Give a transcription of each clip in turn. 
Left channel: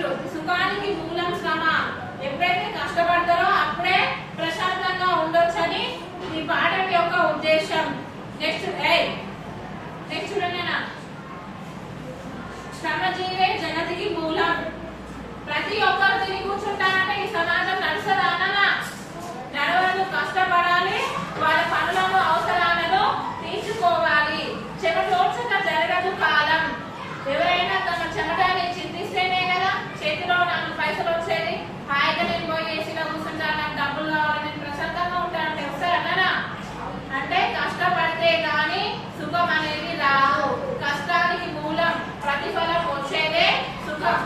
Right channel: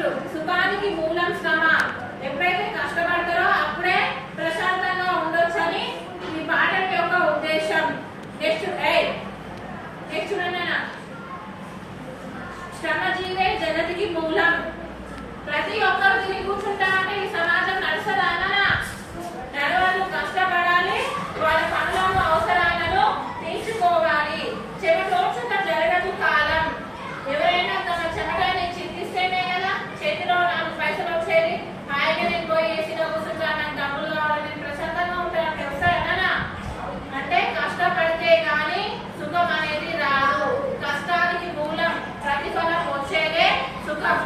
Next సుఖానికి మూలం శ్రమ. ఎప్పుడైతే కష్టపడతారో అప్పుడే ప్రశాంతంగా ఉండొచ్చని ఈ పాఠం యొక్క ఉద్దేశం. నెక్స్ట్ నెక్స్ట్ చూడండి, శ్రమజీవే జగతికి మూలం. ప్రతి ఒక్కరు తిరిగి కూర్చుంటారంటే ఈ సమాజం నడుస్తుందా అన్నా? నడవాలి, కష్టపడాలి, వాళ్ళ పనులను అవసరాలను తీర్చుకోవాలి. చెమటోడ్చక జరగదు కాలం. ఎవరైనా తమ చెమటని చింతిస్తేనే కదా చేతిలో 4 పైసలు వచ్చేది. హాయిగా నేను పోయి ఏసీలో కూర్చుంటాను, నాకు డబ్బులు కావాలి, నేను ప్రశాంతంగా ఉంటానంటే వస్తాయన్నా? అంటే కష్టపడితే కానీ సుఖం అనేది రాదు. కష్టానికి మూలం ప్రతిఫలం వచ్చేదే సుఖం.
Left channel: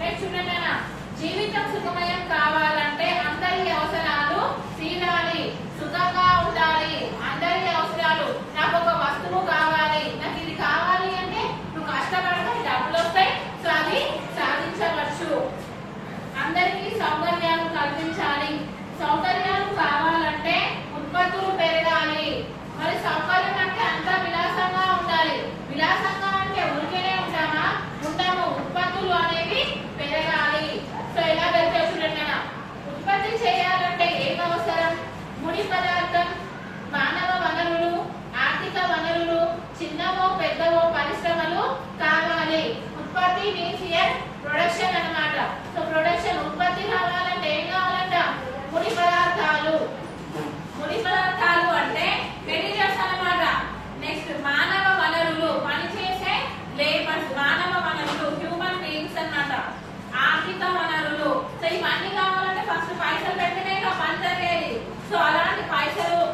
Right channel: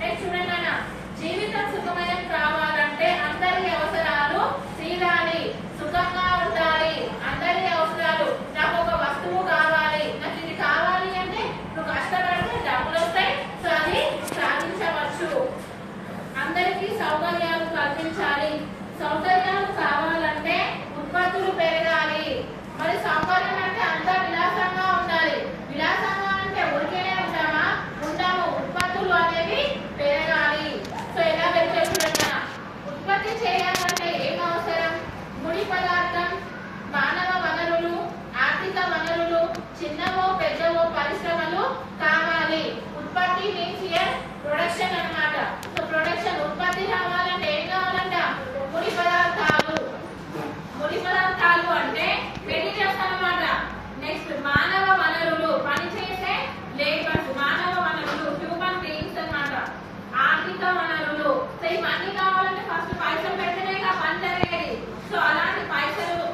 నెక్స్ట్ చూడండి, జీవితం సుఖమయం కావాలంటే అందరి అవసరాలు తీరాలి, సుఖంగా ఉండాలి. అందరి అవసరాలు, నాకు ఒక వస్తువు కావాలి, నాకు ఇది కావాలి అంటే నువ్వు కష్టపడితే డబ్బులు వస్తాయి, సో అది సాధించవచ్చు. అందరికీ సౌకర్యాలు కల్పించాలి. సౌకర్యాలు కావాలంటే ఉత్పత్తులు పెరగాలి. మరి సౌకర్యం అంటే అంతా విలాసంగా ఉండాలి. విలాసంగా అంటే ఊరికేనే ఉంటామా? ఉండము. ఉత్పత్తులు అనేవి పెరగాలి. సో ఎలా పెడితే చూడండి, ఉత్పత్తి చేయాలంటే ఏం అవసరం? ముడి పదార్థం, మానవ వనరులు, ఆర్థిక వనరులు, చిన్నవో పెద్దవో పరిశ్రమలు కావాలి. ఉత్పత్తి మీన్స్ హియర్ ప్రొడక్షన్ అన్నమాట. సో ప్రొడక్షన్, ఉత్పత్తి కావాలంటే ఏం కావాలంట? ముడి పదార్థాలు. ముడి పదార్థాలు అంటే మెటీరియల్స్ అన్నమాట. నెక్స్ట్ మానవ వనరులు, పనిచేసే లేబర్స్. మానవ వనరులు హ్యూమన్ బీయింగ్స్ అన్నమాట. ఆర్థిక వనరులు, సో ఇవన్నీ కావాలంటే ఫస్ట్ పైసలు పెడితేనే పని జరిగేది. సో అలాంటి పైసలు,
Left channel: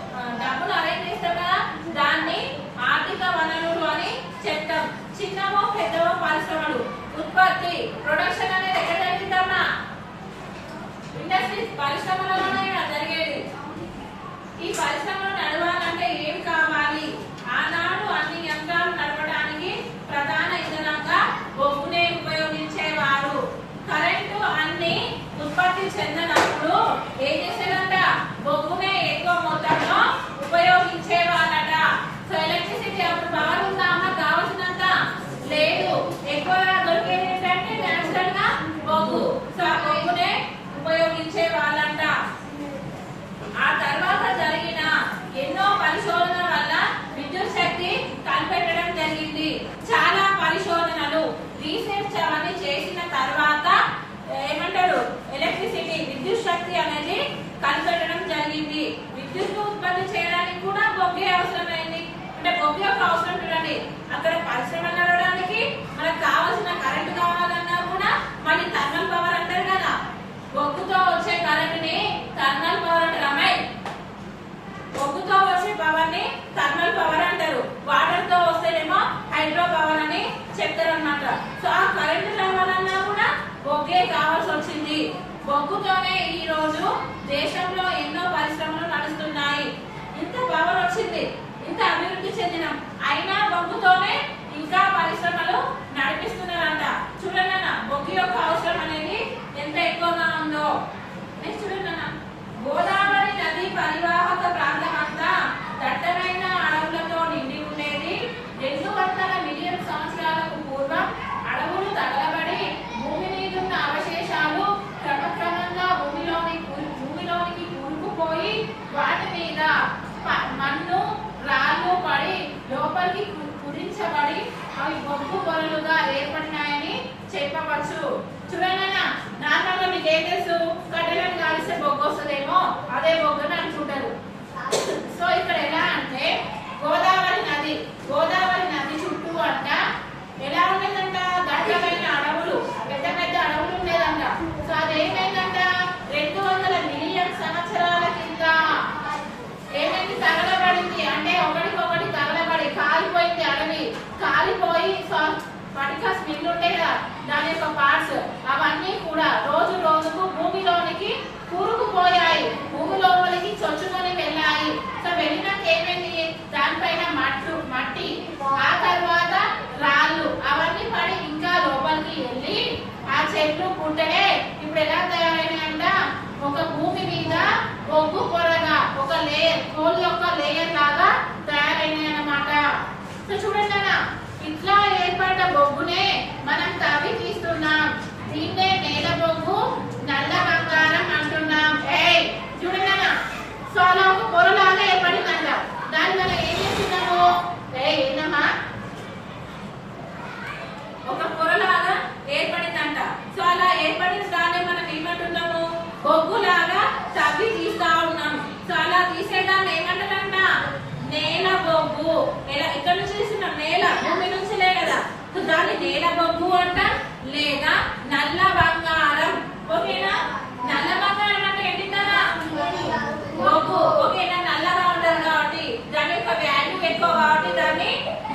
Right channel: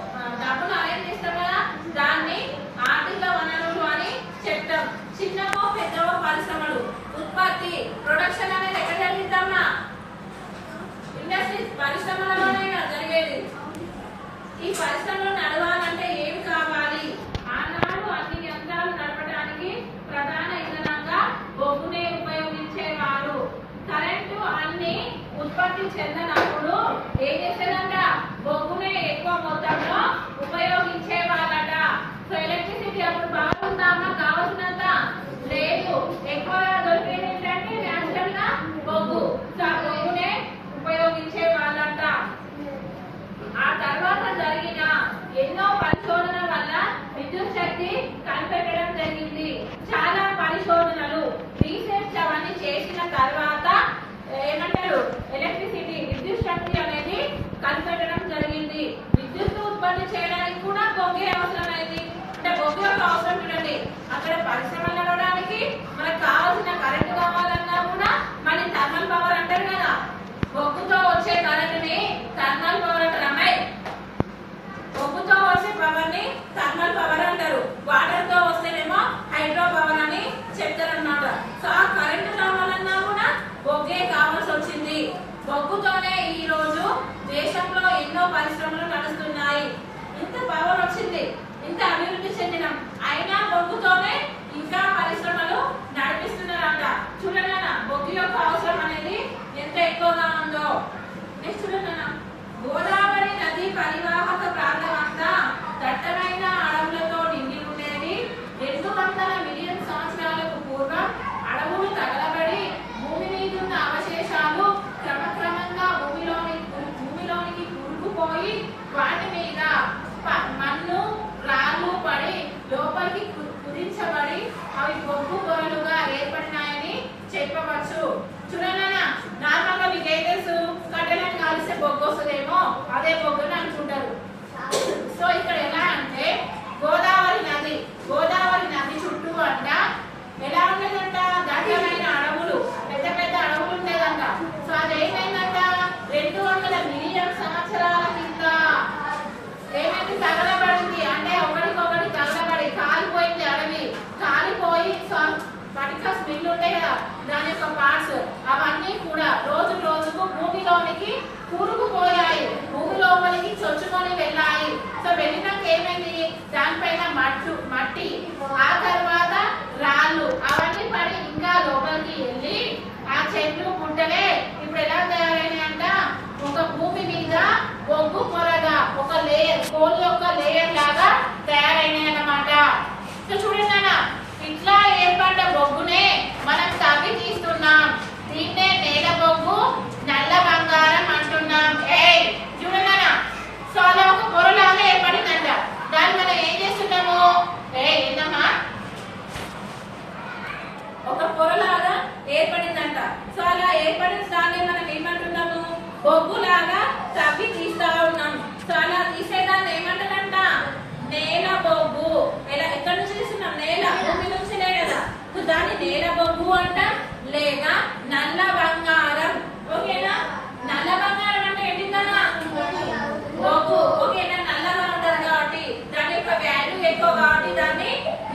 డబ్బును అరేంజ్ చేస్తాం కదా, దాన్ని ఆర్థిక వనరులు అని చెప్తాం. చిన్నవో పెద్దవో పరిశ్రమలు. ఉత్పత్తి, ప్రొడక్షన్ అనేది ఎక్కడ జరిగిద్దామా? ఇండస్ట్రీస్, పరిశ్రమలలోనే జరిగేది. ఈ పరిశ్రమలు నడవాలంటే ఏం కావాలి? ఆనాడు అన్ని యంత్రాలు నడపడానికి ప్రధాన ఇంధనంగా బొగ్గునే ఉపయోగించేవారు. కరెంటు అన్ని ఉత్పత్తి చెందినప్పుడు ఏం చేసేదంట? బొగ్గునే ఎక్కువ మొత్తంలో ఉపయోగించేవారట. సో ఎలక్ట్రిసిటీ అప్పుడు పవర్ ఉందామా? కావాల్సినంత లేదు. ఎక్కువగా దొరికేది ఏంటంటే నేచురల్ గా బొగ్గు. సో ఆ బొగ్గునే ఉపయోగించే వాళ్ళంట. ఆ తర్వాత జరిగిన ఎన్నో పరిశోధన వల్ల విద్యుత్ శక్తి కనిపెట్టడం జరిగింది. చాలా పరిశోధనలు, రీసెర్చ్ అవన్నీ చేసిన తర్వాత ఏమంటారు? ఎలక్ట్రిసిటీ, విద్యుత్ శక్తి అనేది కనిపెట్టడం జరిగింది. విద్యుత్ ఉత్పత్తి చేయడానికి కూడా బొగ్గే అవసరమైంది. అంటే బొగ్గు యొక్క అవసరం చూడండి, అక్కడ పరిశ్రమలు నడవడానికి మనకు కావాల్సిన కరెంట్ కావాలన్నా కూడా మళ్ళీ థర్మల్ పవర్ అంటారు కదా. బొగ్గుతో వచ్చే కరెంట్ని థర్మల్ పవర్ అంటారు. అమ్మాయి, బొగ్గుతో వచ్చే పవర్ ని థర్మల్ పవర్ అంటారు. వాటర్ తో వస్తేనేమో హైడ్రో పవర్ అని చెప్తారు అన్నమాట. సో ఆ కరెంట్ రావాలన్నా కూడా బొగ్గే కావాల్సి వచ్చింది. బొగ్గుతోనే ఈ రోజు దేశంలో ఎన్నో పరిశ్రమలు నడుస్తున్నాయి. ఇంత పవర్ వచ్చింది, ఇంత అభివృద్ధి చెందినం, అయినా బొగ్గుతోనే ఇంకా పరిశ్రమలు నడిపిస్తున్నారంట. చూడండి, బొగ్గు యొక్క అవసరం అనేది ఎంత ఎక్కువగా ఉందో. నెక్స్ట్ చూడండి, గోదావరి నది పరివాహక ప్రాంతం అంతా దట్టమైన అడవులతో నిండి ఉండేది. 200 మిలియన్ సంవత్సరాలకు పూర్వం అడవులు తగలబడి భూమి మీదున్న అవశేషాలు క్రమక్రమంగా భూమిలోనికి కూరుకుపోయి వాటి మీద మన్ను రాళ్ళు పడి లోపలికి కుదించబడి అవి బొగ్గు పొరలుగా ఏర్పడినాయని చెప్పవచ్చు. చూడండి, నార్మల్గా మీకు ఏం తెలుసు? కట్టెలను కాలిస్తే బొగ్గు వస్తుందేమో, అదే బొగ్గుని అనుకుంటారు. సో ఇక్కడ ఎలా అంటే గోదావరి నది చుట్టూ అంట ఎలా ఉండేదంట? దట్టమైన అడవులు, పెద్ద పెద్ద అడవులు ఉండేదంట. సో అది ఏమైందంట? 200 మిలియన్ సంవత్సరాల కింద ఏమైంది? తగలబడింది. అంటే ఒకటికొకటి తగలబడి కాలిపోయింది. అడవి కాలిపోయి పటికల్స్ మిగిలి ఉంటాయి కదా, దాని యొక్క పార్ట్స్ అవన్నీ కూడా రోజు రోజుకు భూమిలోనికి కూరుకుపోయాయి. భూమి లోపలికి చొచ్చుకొని వెళ్ళాయి. సో వెళ్ళినాక ఏమైంది? దానిపైన మట్టి, ఆ తర్వాత రాళ్ళు అవన్నీ పడి ఇంకా లోపలికి వెళ్ళి ఆ చెట్లు పుట్టలే ఇప్పుడు ఎలా తయారైనాయి అంట? ఒక భూమి మీద బొగ్గు పొరగా ఒక లేయర్, కోల్ యొక్క లేయర్ లాగా తయారైనాయి అన్నమాట. సో చూడండి, ఇట్లా ఏర్పడ్డ బొగ్గునే మనం తవ్వి తీస్తున్నాం. దీన్నే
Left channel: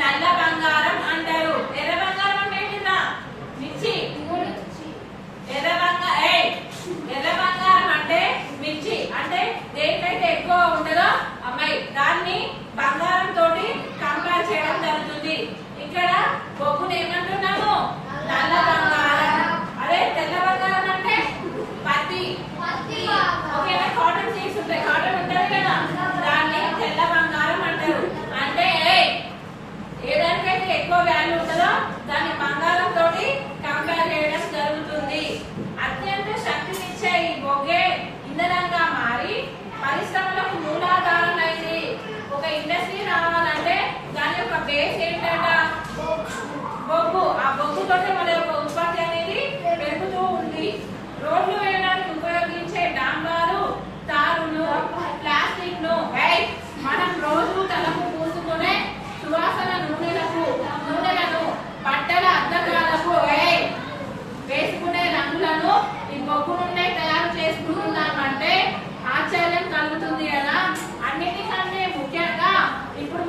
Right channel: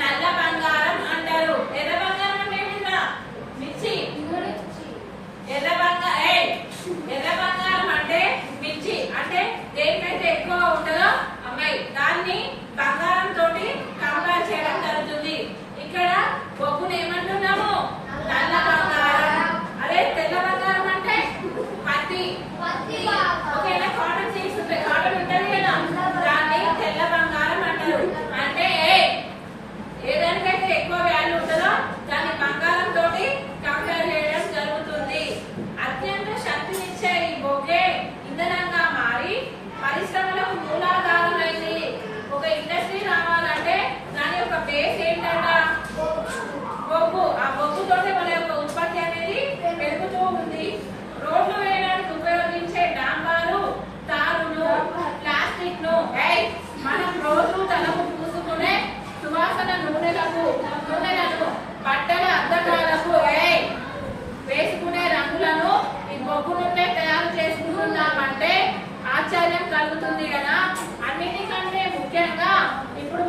నల్ల బంగారం అంటారు. ఎర్ర బంగారం అంటే ఏంటిరా? మిర్చి. ఎర్ర బంగారం అంటే మిర్చి. అంటే దేనికైతే ఎక్కువ ఉంటుందో అమ్మాయి దాన్ని బంగారం తోటి కంపేర్ చేయడం జరుగుతుంది. ఇక్కడ బొగ్గును ఏమంటున్నాము? నల్ల బంగారం. అదే తెల్ల బంగారం అంటే పత్తి. ఓకేనా? కాటన్ సీడ్స్ ఉంటాయి, కాటన్ ఉంటుంది కదా, దాన్ని తెల్ల బంగారం అంటారు. అంటే ఏ దానికైతే ఎక్కువ వాల్యూ ఉంటుందో దాన్ని బంగారం తోటి కంపేర్ చేయడం జరుగుతుంది. అత్యంత శక్తినిచ్చే ఈ బొగ్గే ఇంధనంగా మారి పరిశ్రమలకు మూలాధారం అయింది. ఒక ఇండస్ట్రీ రావాలంటే దాని యొక్క బేస్ ఏంటంట? బొగ్గు. ఆ బొగ్గుతోటి మన యొక్క ఉత్పత్తి అనేది పెరుగుతూ ఉంది. రోడ్లు వేయడానికి ఉపయోగించే డాంబారు, తారును, ప్లాస్టిక్ ను మనం రోజు తలకు పూసుకునే సువాసన నూనెలను, బట్టల అద్దకాలకు వేసుకునే రంగులను ఈ బొగ్గు నుండే తయారు చేసుకుంటున్నామంటే ఆశ్చర్యం కలుగుతుంది కదా. అన్నిటికంటే ముఖ్యంగా ఇప్పుడు